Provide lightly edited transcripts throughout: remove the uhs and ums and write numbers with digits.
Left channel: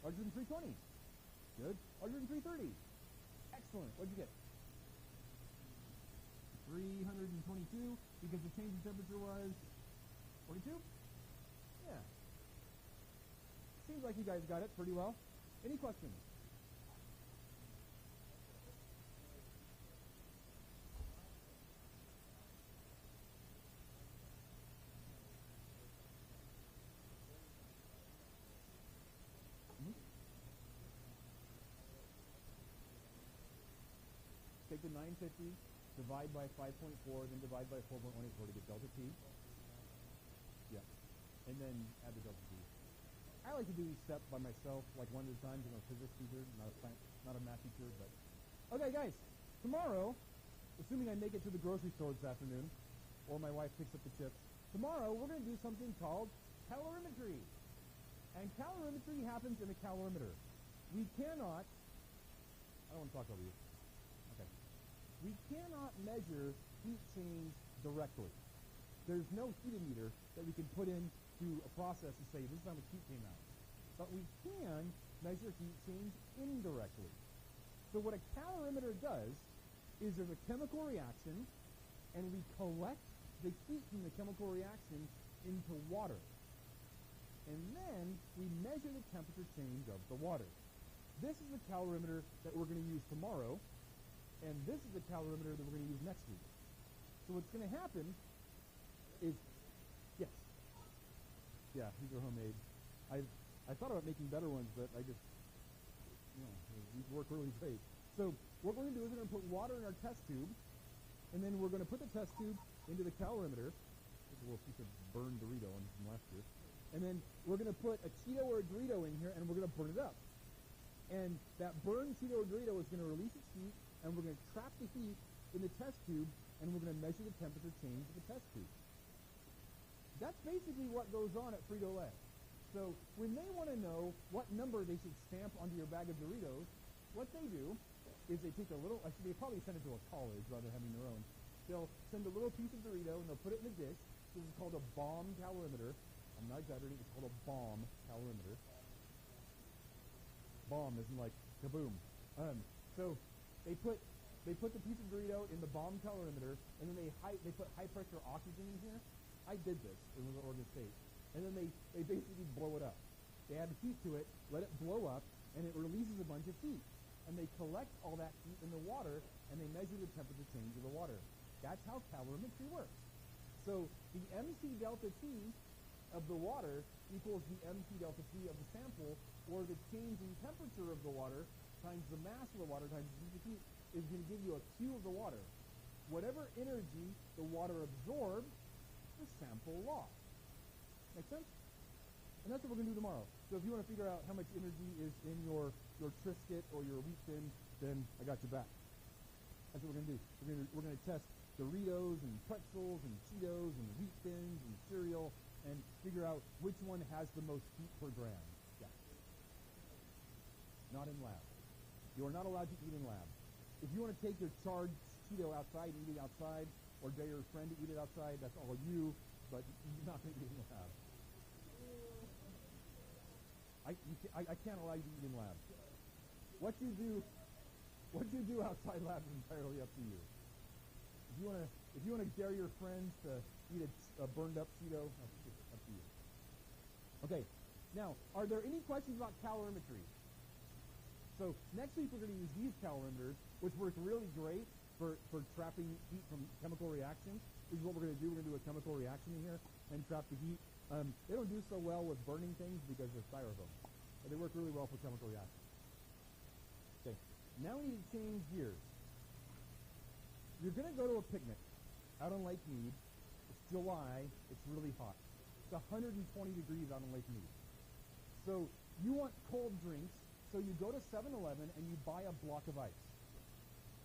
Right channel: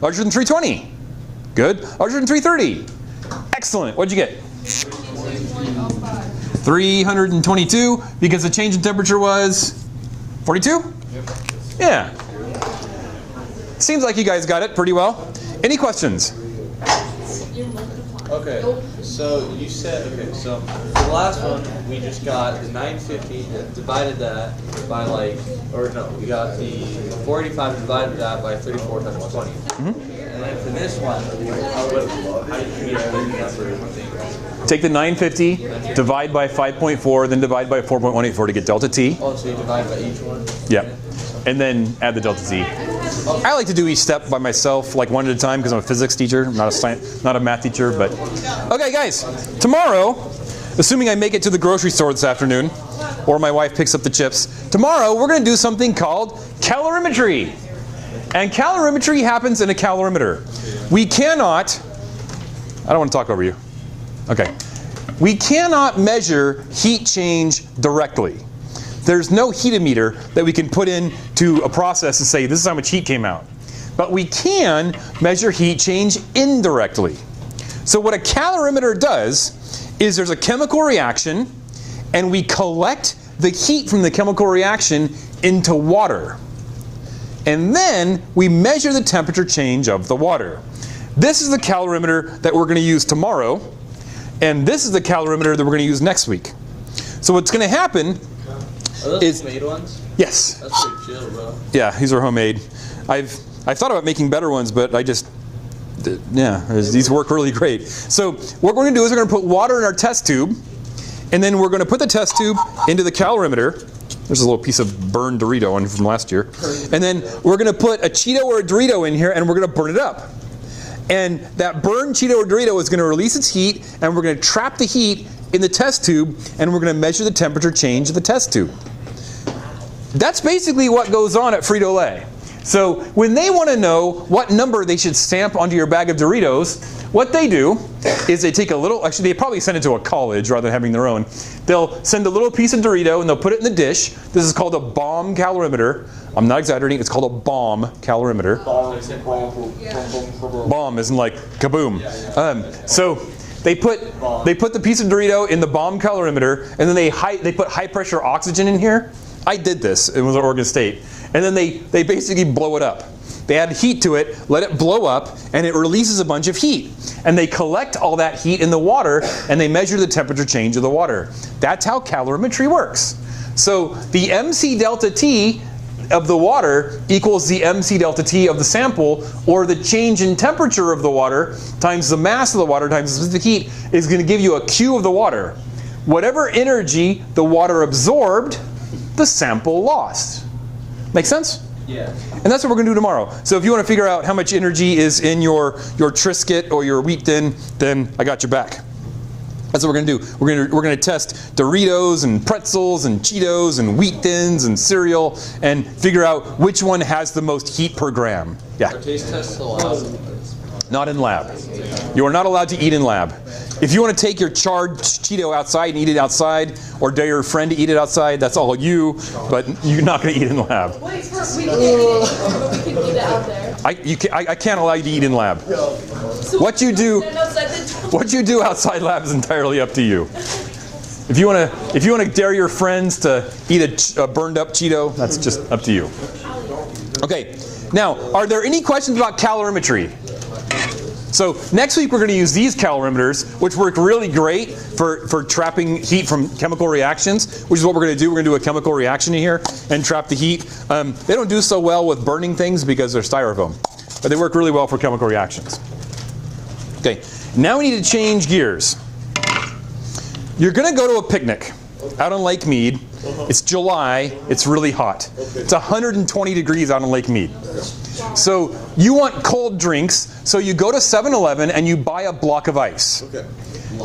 Larger than 320. Good. Larger than 330. Excellent. What'd you get? 322, because the change in temperature was 42? Yeah. Seems like you guys got it pretty well. Any questions? Okay, so you said, so for the last one, we just got the 950 and divided that by like, or no, we got the 485 and divided that by 34 times 20. And then for this one, how did you get the number? Take the 950, divide by 5.4, then divide by 4.184 to get delta T. Oh, so you divide by each one? Yep. And then add the delta T. I like to do each step by myself, like one at a time, because I'm a physics teacher, I'm not a math teacher. But okay, guys, tomorrow, assuming I make it to the grocery store this afternoon, or my wife picks up the chips, tomorrow we're going to do something called calorimetry. And calorimetry happens in a calorimeter. We cannot, I don't want to talk over you. Okay. We cannot measure heat change directly. There's no heatometer that we can put into a process and say, this is how much heat came out. But we can measure heat change indirectly. So what a calorimeter does is there's a chemical reaction, and we collect the heat from the chemical reaction into water. And then we measure the temperature change of the water. This is the calorimeter that we're going to use tomorrow, and this is the calorimeter that we're going to use next week. So what's going to happen Are those homemade ones? Yes. That's pretty chill, bro. Yeah, these are homemade. I've thought about making better ones, but these work really great. So what we're going to do is we're going to put water in our test tube, and then we're going to put the test tube into the calorimeter. There's a little piece of burned Dorito on from last year. And then we're going to put a Cheeto or a Dorito in here, and we're going to burn it up. And that burned Cheeto or Dorito is going to release its heat, and we're going to trap the heat in the test tube, and we're going to measure the temperature change of the test tube. That's basically what goes on at Frito-Lay. So when they want to know what number they should stamp onto your bag of Doritos, what they do is they take a little, actually they probably send it to a college rather than having their own. They'll send a little piece of Dorito and they'll put it in the dish. This is called a bomb calorimeter. I'm not exaggerating, it's called a bomb calorimeter. Bomb isn't like kaboom. So they put the piece of Dorito in the bomb calorimeter, and then they put high pressure oxygen in here. I did this, it was at Oregon State. And then they basically blow it up. They add heat to it, let it blow up, and it releases a bunch of heat. And they collect all that heat in the water, and they measure the temperature change of the water. That's how calorimetry works. So the MC delta T of the water equals the MC delta T of the sample, or the change in temperature of the water times the mass of the water times the specific heat is going to give you a Q of the water. Whatever energy the water absorbed, the sample lost. Make sense? Yeah. And that's what we're going to do tomorrow. So if you want to figure out how much energy is in your Triscuit or your wheat thin, then I got your back. That's what we're going to do. We're going to test Doritos and pretzels and Cheetos and wheat thins and cereal and figure out which one has the most heat per gram. Yeah. Are taste tests allowed? Not in lab. You are not allowed to eat in lab. If you want to take your charred Cheeto outside and eat it outside, or dare your friend to eat it outside, that's all you, but you're not going to eat it in the lab. Wait, we can eat it out there. I can't allow you to eat in lab. So What you do outside lab is entirely up to you. If you want to dare your friends to eat a burned up Cheeto, that's just up to you. Okay. Now, are there any questions about calorimetry? So next week we're going to use these calorimeters, which work really great for trapping heat from chemical reactions, which is what we're going to do. We're going to do a chemical reaction in here and trap the heat. They don't do so well with burning things because they're styrofoam, but they work really well for chemical reactions. Okay, now we need to change gears. You're going to go to a picnic out on Lake Mead. It's July. It's really hot. It's 120 degrees out on Lake Mead. So you want cold drinks, so you go to 7-Eleven and you buy a block of ice. Okay.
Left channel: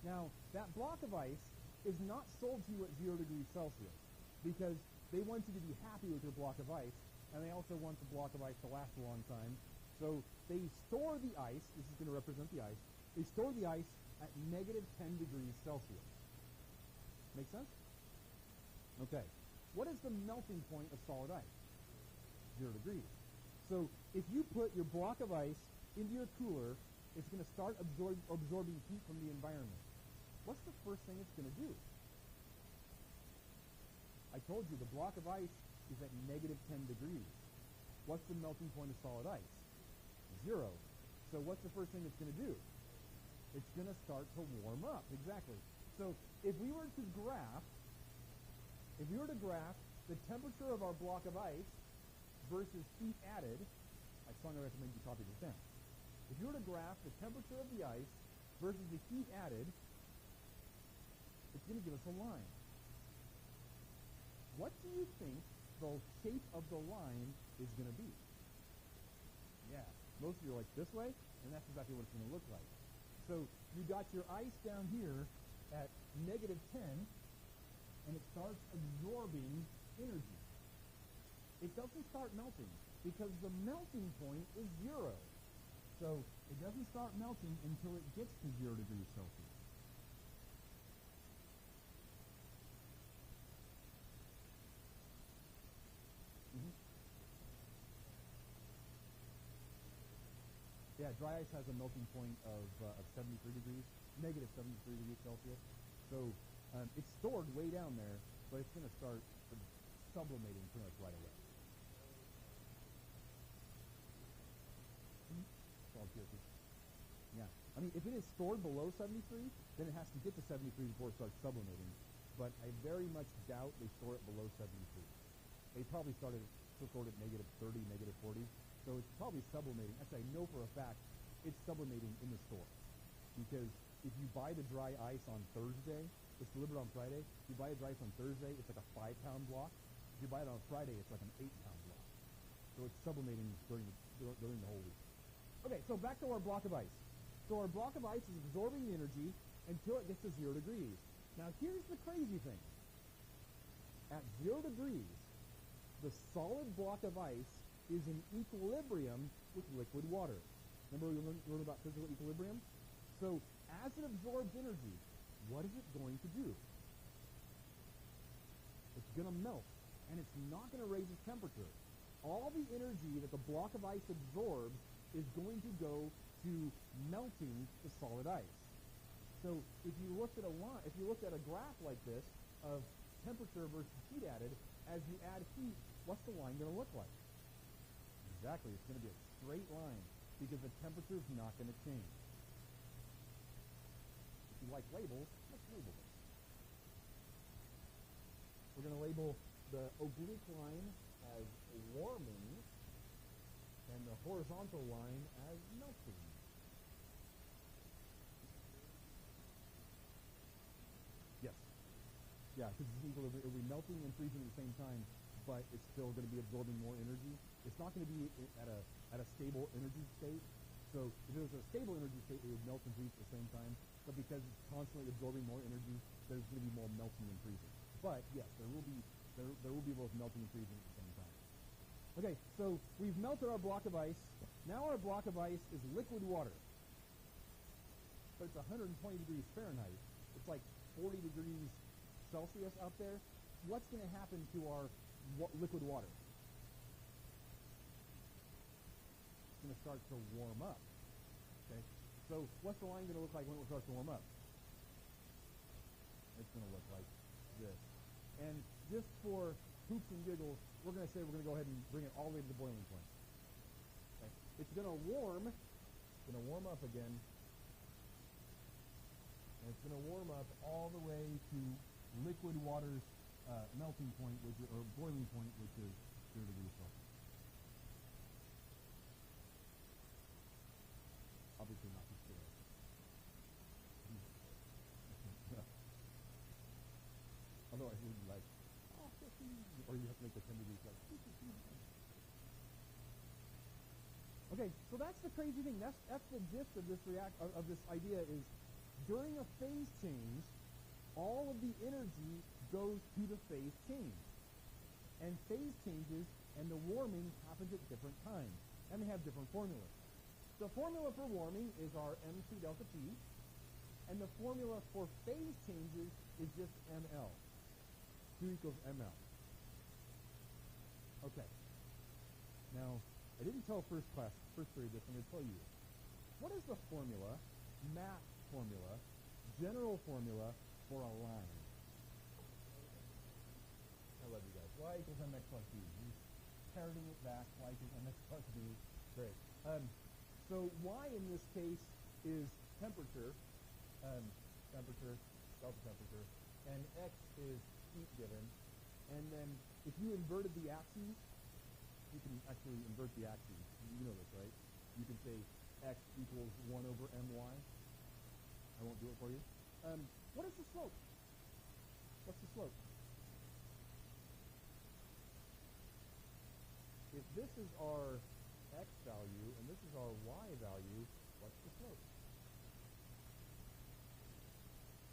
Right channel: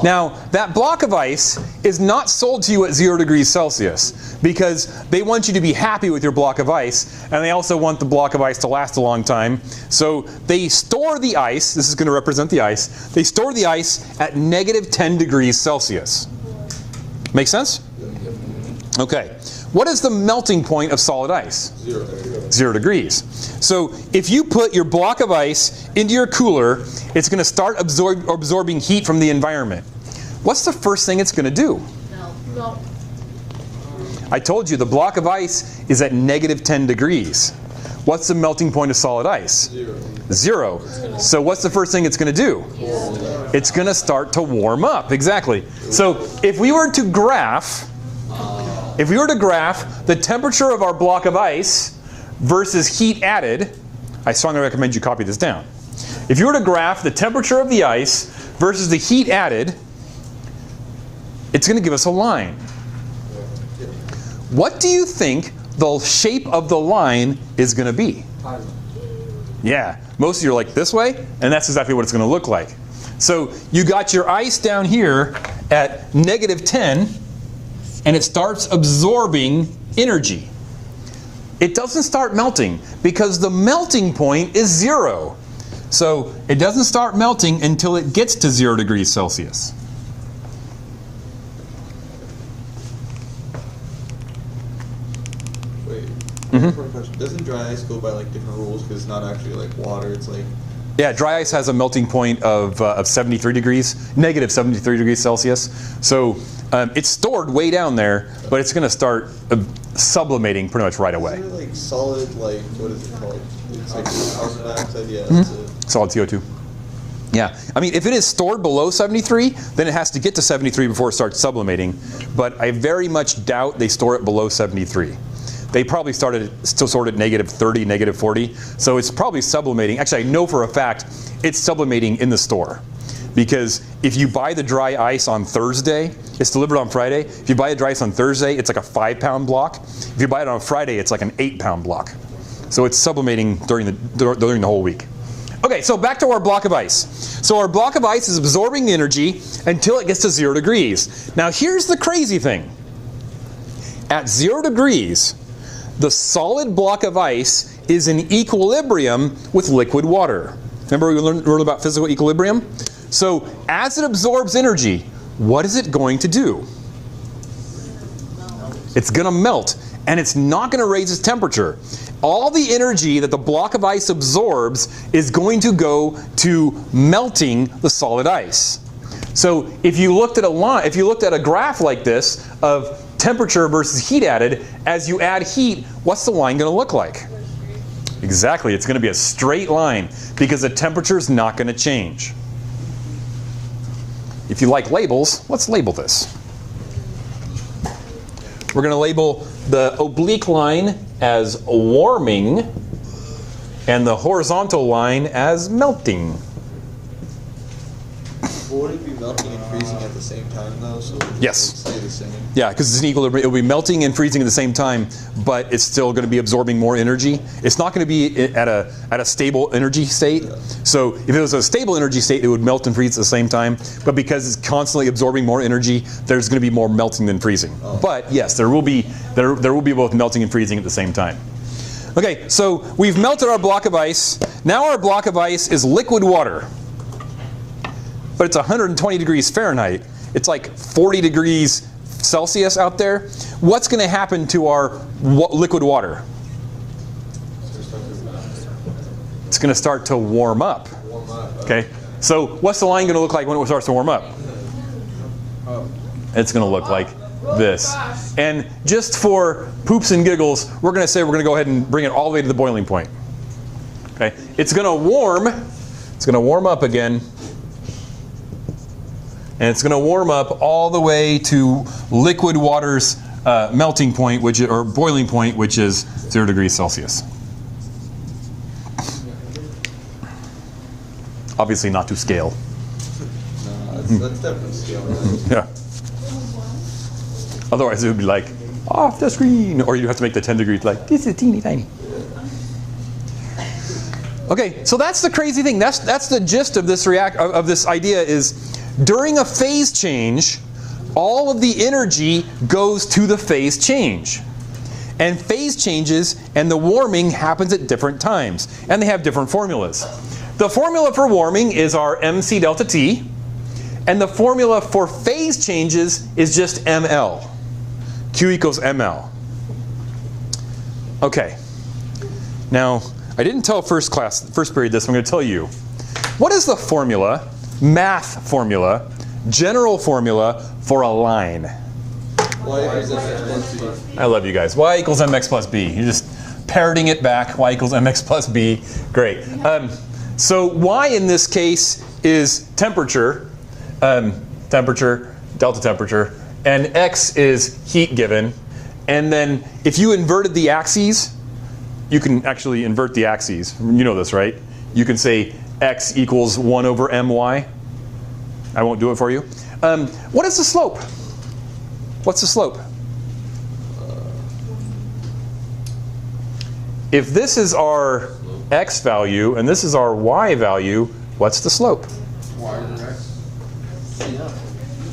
Now, that block of ice is not sold to you at 0 degrees Celsius because they want you to be happy with your block of ice, and they also want the block of ice to last a long time. So they store the ice, this is going to represent the ice, they store the ice at -10 degrees Celsius. Make sense? Okay, what is the melting point of solid ice? 0 degrees. So if you put your block of ice into your cooler, it's going to start absorbing heat from the environment. What's the first thing it's going to do? No. I told you the block of ice is at -10 degrees. What's the melting point of solid ice? 0. So what's the first thing it's going to do? It's going to start to warm up. Exactly. So if we were to graph the temperature of our block of ice versus heat added, I strongly recommend you copy this down. If you were to graph the temperature of the ice versus the heat added, it's going to give us a line. What do you think the shape of the line is going to be? Yeah, most of you are like this way, and that's exactly what it's going to look like. So you got your ice down here at -10, and it starts absorbing energy. It doesn't start melting because the melting point is 0. So it doesn't start melting until it gets to 0 degrees Celsius. Doesn't dry ice go by like different rules because it's not actually like water? It's like Yeah, dry ice has a melting point of 73 degrees, -73 degrees Celsius. So it's stored way down there, but it's going to start sublimating pretty much right away. Isn't it like solid, like what is it called? It's like carbon dioxide. Yeah, that's it. Solid CO2. Yeah, I mean, if it is stored below 73, then it has to get to 73 before it starts sublimating. But I very much doubt they store it below 73. They probably still stored at -30, -40. So it's probably sublimating. Actually, I know for a fact it's sublimating in the store. Because if you buy the dry ice on Thursday, it's delivered on Friday. If you buy the dry ice on Thursday, it's like a 5-pound block. If you buy it on Friday, it's like an 8-pound block. So it's sublimating during the whole week. Okay, so back to our block of ice. So our block of ice is absorbing energy until it gets to 0 degrees. Now here's the crazy thing. At 0 degrees, the solid block of ice is in equilibrium with liquid water. Remember we learned about physical equilibrium? So as it absorbs energy, what is it going to do? It's going to melt, and it's not going to raise its temperature. All the energy that the block of ice absorbs is going to go to melting the solid ice. So if you looked at a graph like this of temperature versus heat added, as you add heat, what's the line going to look like? Exactly, it's going to be a straight line because the temperature is not going to change. If you like labels, let's label this. We're going to label the oblique line as warming and the horizontal line as melting. Would it be melting and freezing at the same time though? So Yes. Stay the same. Yeah, because it's an equilibrium. It will be melting and freezing at the same time, but it's still going to be absorbing more energy. It's not going to be at a stable energy state. Yeah. So if it was a stable energy state, it would melt and freeze at the same time. But because it's constantly absorbing more energy, there's going to be more melting than freezing. Oh. But yes, there will be both melting and freezing at the same time. Okay, so we've melted our block of ice. Now our block of ice is liquid water. But it's 120 degrees Fahrenheit. It's like 40 degrees Celsius out there. What's going to happen to our liquid water? It's going to start to warm up. Okay. So what's the line going to look like when it starts to warm up? It's going to look like this. And just for poops and giggles, we're going to say we're going to go ahead and bring it all the way to the boiling point. Okay. It's going to warm. It's going to warm up again. And it's going to warm up all the way to liquid water's melting point, or boiling point, which is 0 degrees Celsius. Obviously not to scale. No, that's definitely scale. Yeah. Otherwise it would be like, off the screen. Or you have to make the 10 degrees like, this is teeny tiny. Okay, so that's the crazy thing. That's the gist of this idea is, during a phase change, all of the energy goes to the phase change. And phase changes and the warming happens at different times. And they have different formulas. The formula for warming is our MC delta T. And the formula for phase changes is just ML. Q equals ml. Okay. Now, I didn't tell first period this, I'm going to tell you. What is the formula, math formula, general formula for a line? Y equals mx plus b. I love you guys. Y equals mx plus b. You're just parroting it back. Y equals mx plus b. Great. So y in this case is temperature, delta temperature, and x is heat given. And then if you inverted the axes, you can actually invert the axes. You know this, right? You can say x equals 1 over my. I won't do it for you. What is the slope? What's the slope? If this is our x value and this is our y value, what's the slope?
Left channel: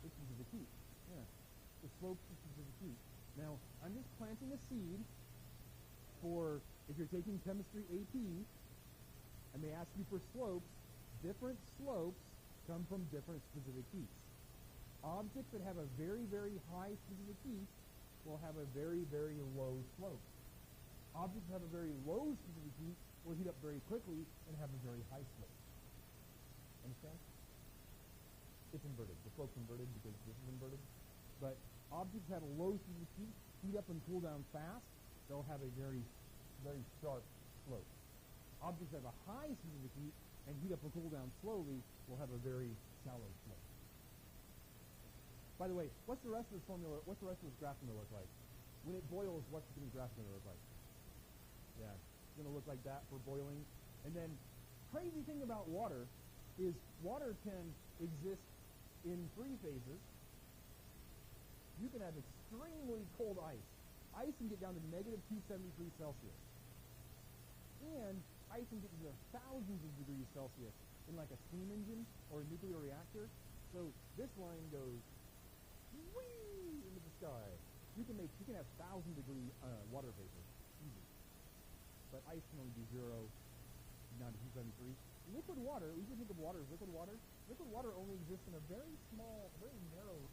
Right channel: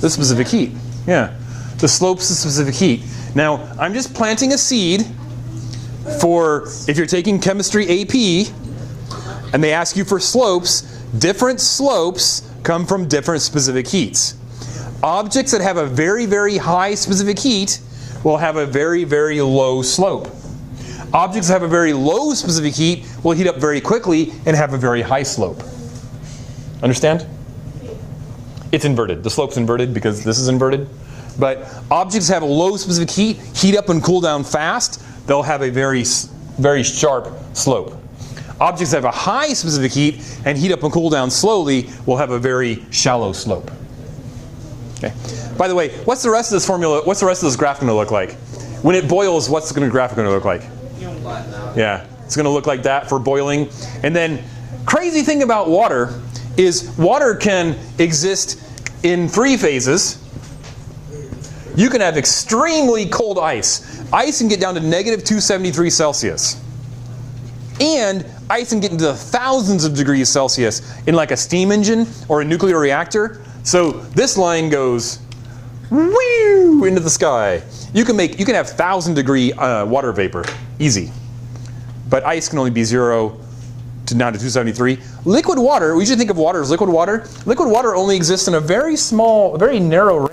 The specific heat. Yeah. The slope's the specific heat. Now, I'm just planting a seed for if you're taking chemistry AP and they ask you for slopes, different slopes come from different specific heats. Objects that have a very, very high specific heat will have a very, very low slope. Objects that have a very low specific heat will heat up very quickly and have a very high slope. Understand? It's inverted. The slope's inverted because this is inverted. But objects that have a low specific heat up and cool down fast. They'll have a very, very sharp slope. Objects that have a high specific heat and heat up and cool down slowly will have a very shallow slope. Okay. By the way, what's the rest of this formula? What's the rest of this graph going to look like? When it boils, what's the graph going to look like? Yeah, it's going to look like that for boiling. And then, crazy thing about water is water can exist in 3 phases. You can have extremely cold ice. Ice can get down to negative 273 Celsius. And ice can get into the thousands of degrees Celsius in like a steam engine or a nuclear reactor. So this line goes whoo into the sky. You can have 1,000-degree water vapor, easy. But ice can only be 0 to down to 273. Liquid water, we usually think of water as liquid water. Liquid water only exists in a very small, very narrow